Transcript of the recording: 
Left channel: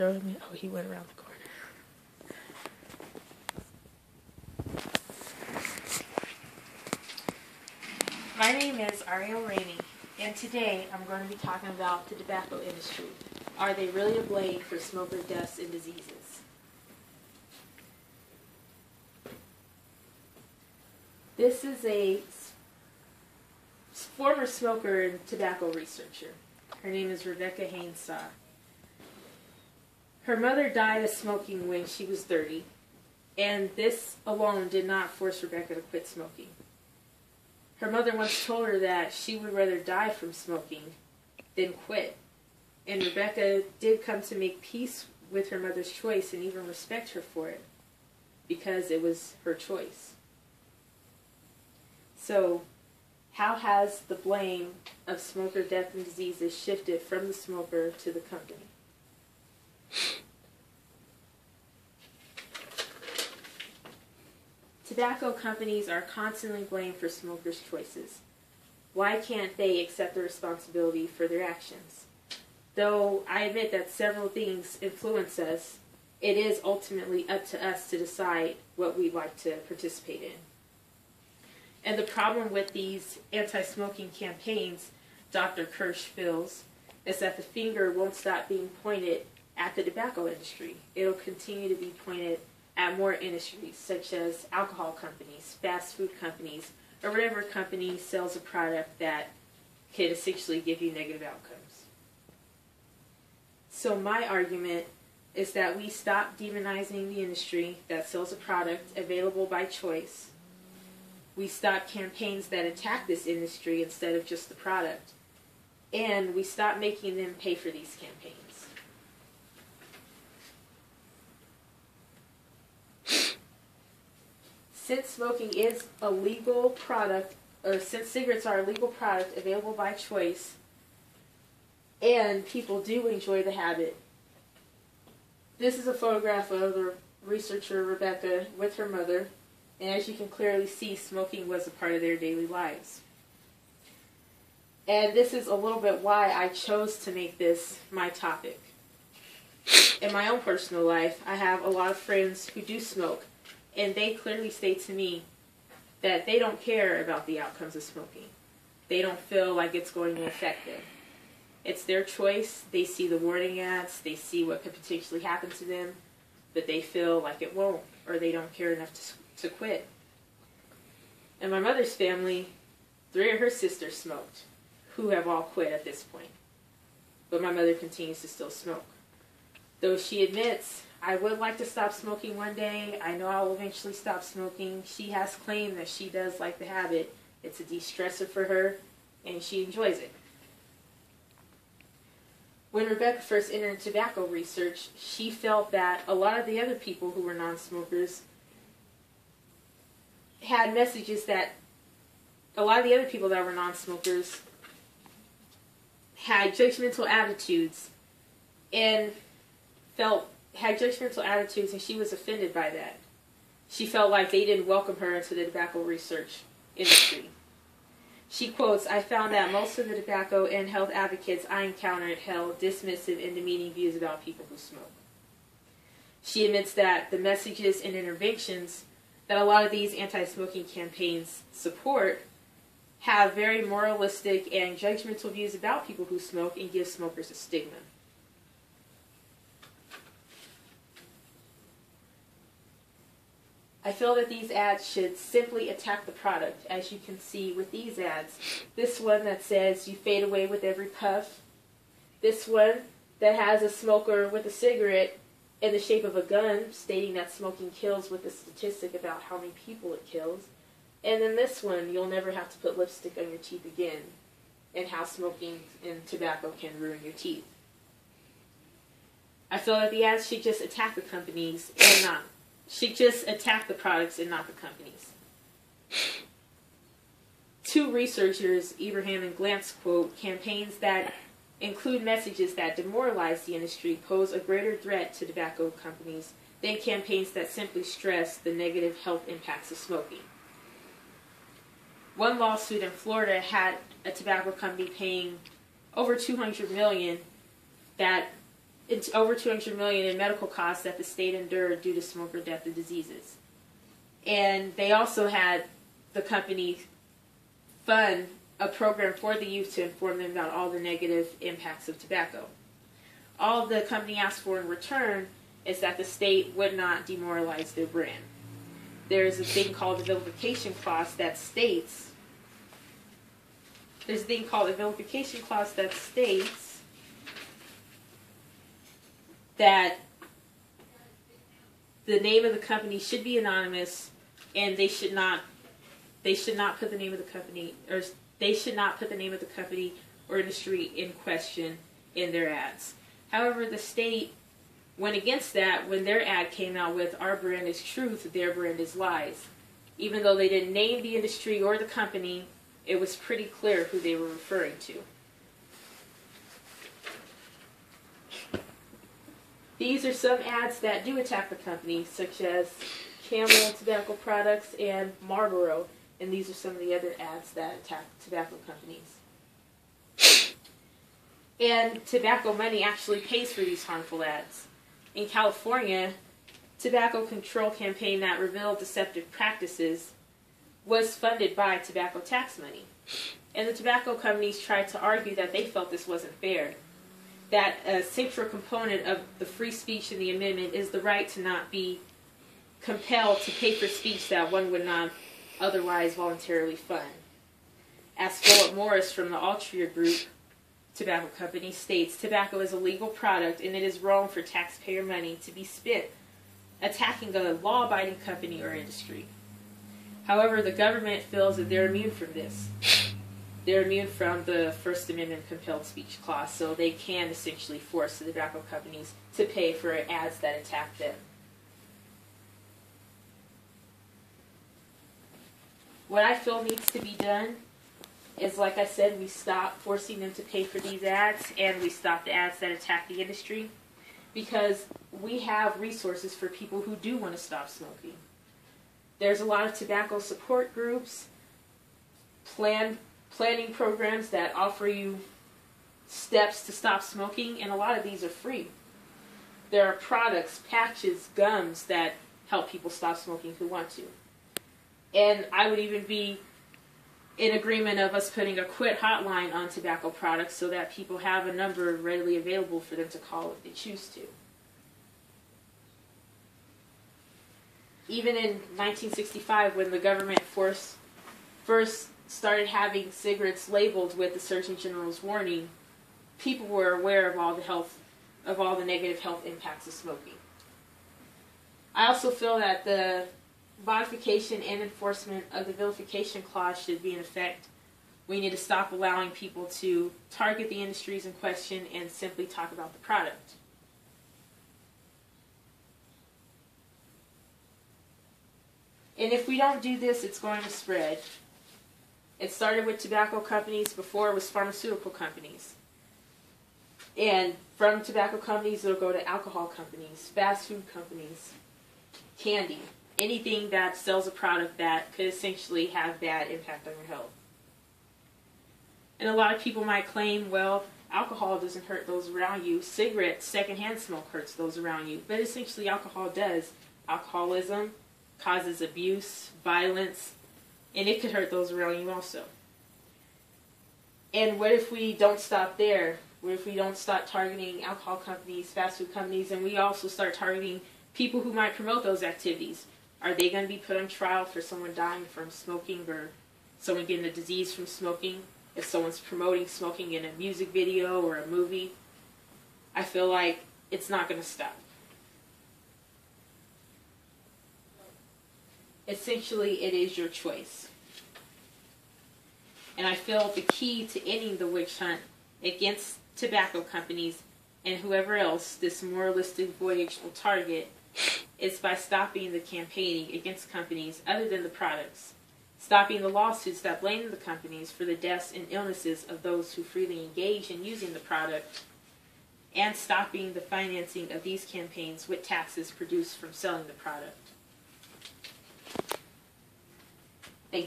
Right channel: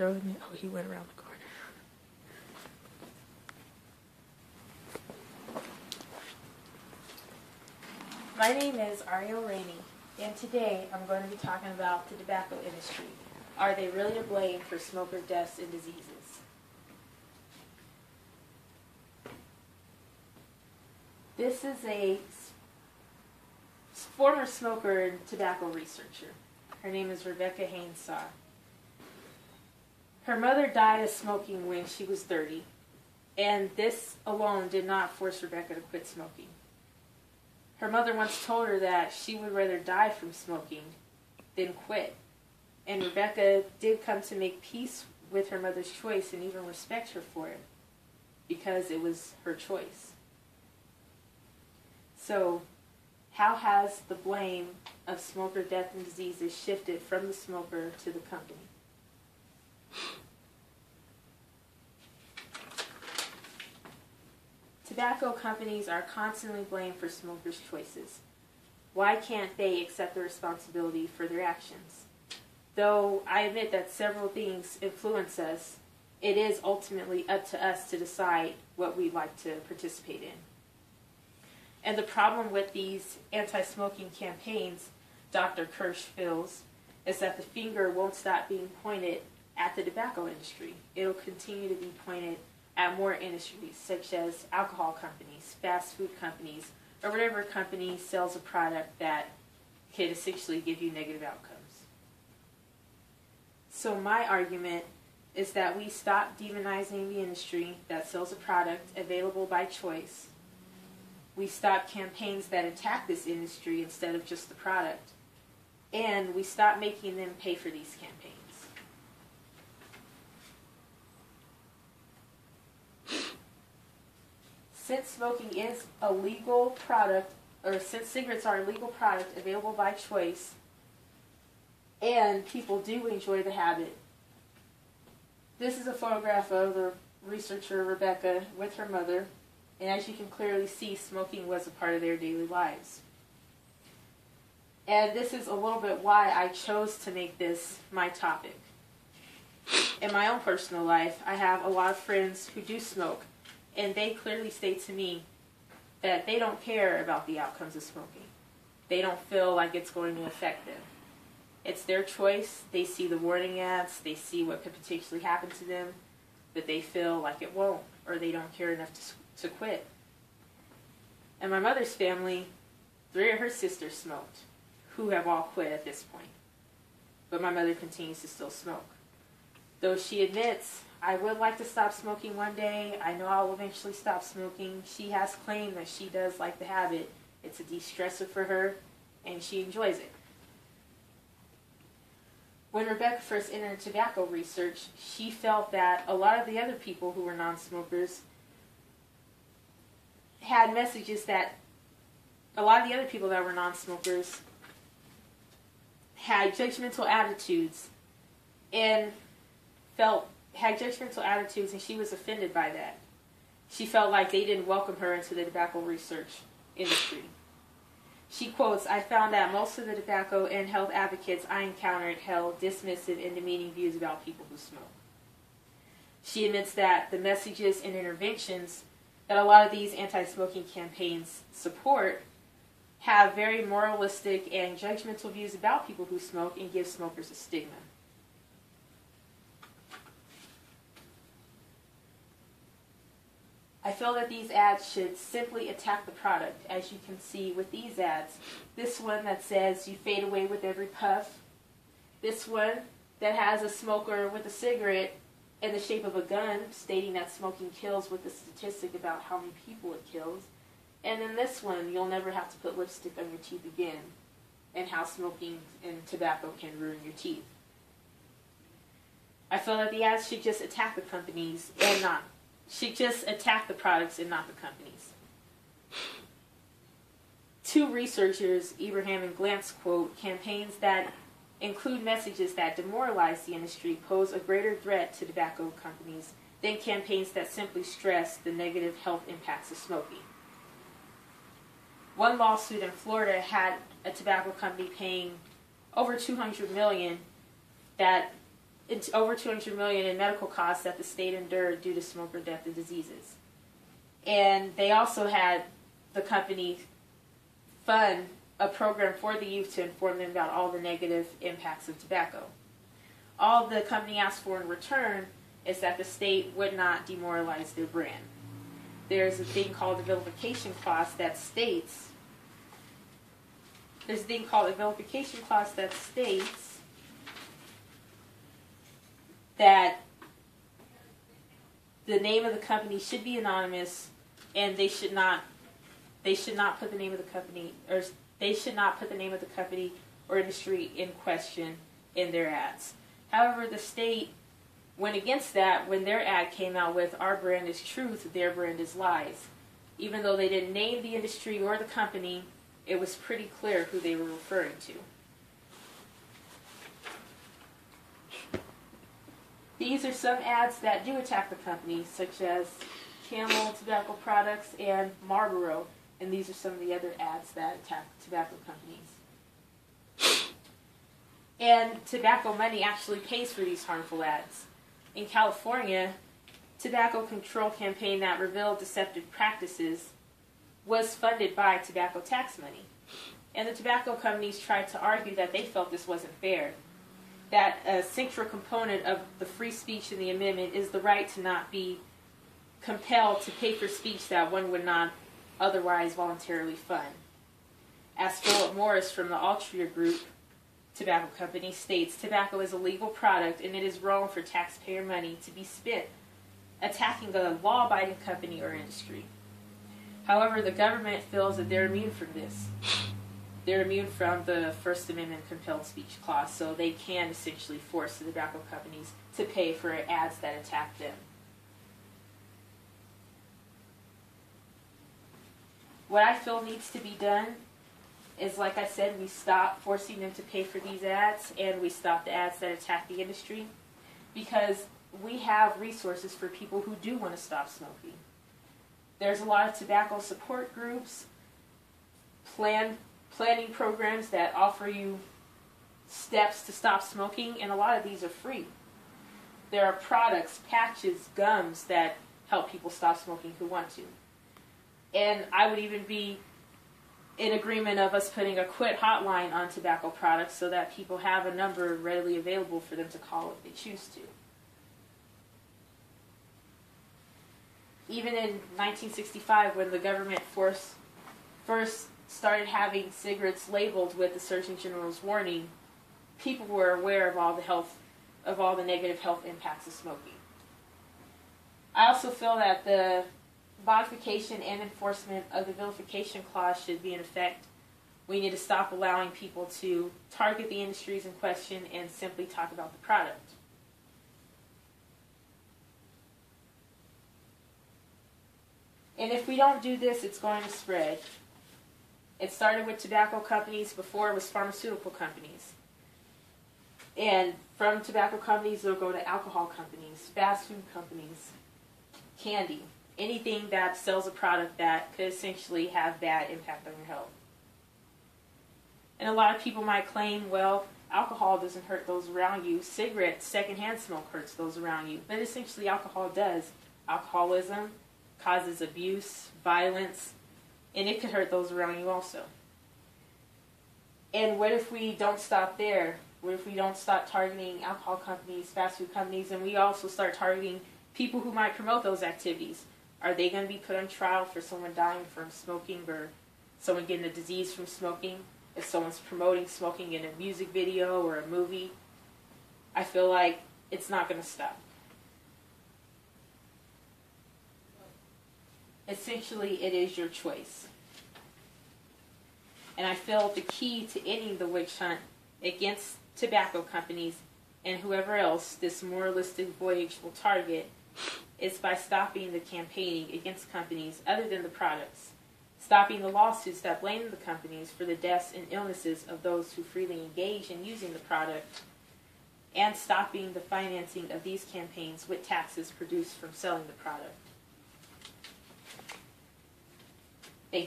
throw him in? Oh, he went around the corner. My name is Arielle Rainey, and today I'm going to be talking about the tobacco industry. Are they really to blame for smoker deaths and diseases? This is a former smoker and tobacco researcher. Her name is Rebecca Haynes-Saw. Her mother died of smoking when she was 30, and this alone did not force Rebecca to quit smoking. Her mother once told her that she would rather die from smoking than quit. And Rebecca did come to make peace with her mother's choice and even respect her for it, because it was her choice. So, how has the blame of smoker death and diseases shifted from the smoker to the company? Tobacco companies are constantly blamed for smokers' choices. Why can't they accept the responsibility for their actions? Though I admit that several things influence us, it is ultimately up to us to decide what we'd like to participate in. And the problem with these anti-smoking campaigns, Dr. Kirsch feels, is that the finger won't stop being pointed at the tobacco industry. It'll continue to be pointed at more industries, such as alcohol companies, fast food companies, or whatever company sells a product that could essentially give you negative outcomes. So my argument is that we stop demonizing the industry that sells a product available by choice. We stop campaigns that attack this industry instead of just the product. And we stop making them pay for these campaigns. Since smoking is a legal product, or since cigarettes are a legal product available by choice, and people do enjoy the habit. This is a photograph of the researcher Rebecca with her mother, and as you can clearly see, smoking was a part of their daily lives. And this is a little bit why I chose to make this my topic. In my own personal life, I have a lot of friends who do smoke, and they clearly state to me that they don't care about the outcomes of smoking. They don't feel like it's going to affect them. It's their choice. They see the warning ads, they see what could potentially happen to them, but they feel like it won't, or they don't care enough to quit. And my mother's family, 3 of her sisters smoked, who have all quit at this point. But my mother continues to still smoke. Though she admits, I would like to stop smoking one day. I know I'll eventually stop smoking. She has claimed that she does like the habit. It's a de-stressor for her, and she enjoys it. When Rebecca first entered tobacco research, she felt that a lot of the other people who were non-smokers had messages that a lot of the other people that were non-smokers had judgmental attitudes and and she was offended by that. She felt like they didn't welcome her into the tobacco research industry. She quotes, "I found that most of the tobacco and health advocates I encountered held dismissive and demeaning views about people who smoke." She admits that the messages and interventions that a lot of these anti-smoking campaigns support have very moralistic and judgmental views about people who smoke and give smokers a stigma. I feel that these ads should simply attack the product, as you can see with these ads. This one that says, "You fade away with every puff." This one that has a smoker with a cigarette in the shape of a gun, stating that smoking kills with a statistic about how many people it kills. And then this one, "You'll never have to put lipstick on your teeth again," and how smoking and tobacco can ruin your teeth. I feel that the ads should just attack the companies and not. Should just attack the products and not the companies. 2 researchers, Ibrahim and Glantz, quote, "Campaigns that include messages that demoralize the industry pose a greater threat to tobacco companies than campaigns that simply stress the negative health impacts of smoking." One lawsuit in Florida had a tobacco company paying over $200 million that it's over $200 million in medical costs that the state endured due to smoker death and diseases. And they also had the company fund a program for the youth to inform them about all the negative impacts of tobacco. All the company asked for in return is that the state would not demoralize their brand. There's a thing called a vilification clause that states that the name of the company should be anonymous, and they should not put the name of the company, or they should not put the name of the company or industry in question in their ads. However, the state went against that when their ad came out with "Our brand is truth, their brand is lies." Even though they didn't name the industry or the company, it was pretty clear who they were referring to. These are some ads that do attack the company, such as Camel Tobacco Products and Marlboro, and these are some of the other ads that attack tobacco companies. And tobacco money actually pays for these harmful ads. In California, tobacco control campaign that revealed deceptive practices was funded by tobacco tax money. And the tobacco companies tried to argue that they felt this wasn't fair, that a central component of the free speech in the amendment is the right to not be compelled to pay for speech that one would not otherwise voluntarily fund. As Philip Morris from the Altria Group tobacco company states, tobacco is a legal product and it is wrong for taxpayer money to be spent attacking a law-abiding company or industry. However, the government feels that they're immune from this. They're immune from the First Amendment compelled speech clause, so they can essentially force the tobacco companies to pay for ads that attack them. What I feel needs to be done is, like I said, we stop forcing them to pay for these ads, and we stop the ads that attack the industry, because we have resources for people who do want to stop smoking. There's a lot of tobacco support groups, planning programs that offer you steps to stop smoking, and a lot of these are free. There are products, patches, gums that help people stop smoking who want to. And I would even be in agreement of us putting a quit hotline on tobacco products so that people have a number readily available for them to call if they choose to. Even in 1965, when the government first started having cigarettes labeled with the Surgeon General's warning, people were aware of all the negative health impacts of smoking. I also feel that the modification and enforcement of the vilification clause should be in effect. We need to stop allowing people to target the industries in question and simply talk about the product. And if we don't do this, it's going to spread. It started with tobacco companies before it was pharmaceutical companies. And from tobacco companies, it'll go to alcohol companies, fast food companies, candy, anything that sells a product that could essentially have bad impact on your health. And a lot of people might claim, well, alcohol doesn't hurt those around you. Cigarettes, secondhand smoke hurts those around you. But essentially alcohol does. Alcoholism causes abuse, violence, and it could hurt those around you also. And what if we don't stop there? What if we don't stop targeting alcohol companies, fast food companies, and we also start targeting people who might promote those activities? Are they going to be put on trial for someone dying from smoking or someone getting a disease from smoking? If someone's promoting smoking in a music video or a movie, I feel like it's not going to stop. Essentially, it is your choice. And I feel the key to ending the witch hunt against tobacco companies and whoever else this moralistic voyage will target is by stopping the campaigning against companies other than the products, stopping the lawsuits that blame the companies for the deaths and illnesses of those who freely engage in using the product, and stopping the financing of these campaigns with taxes produced from selling the product.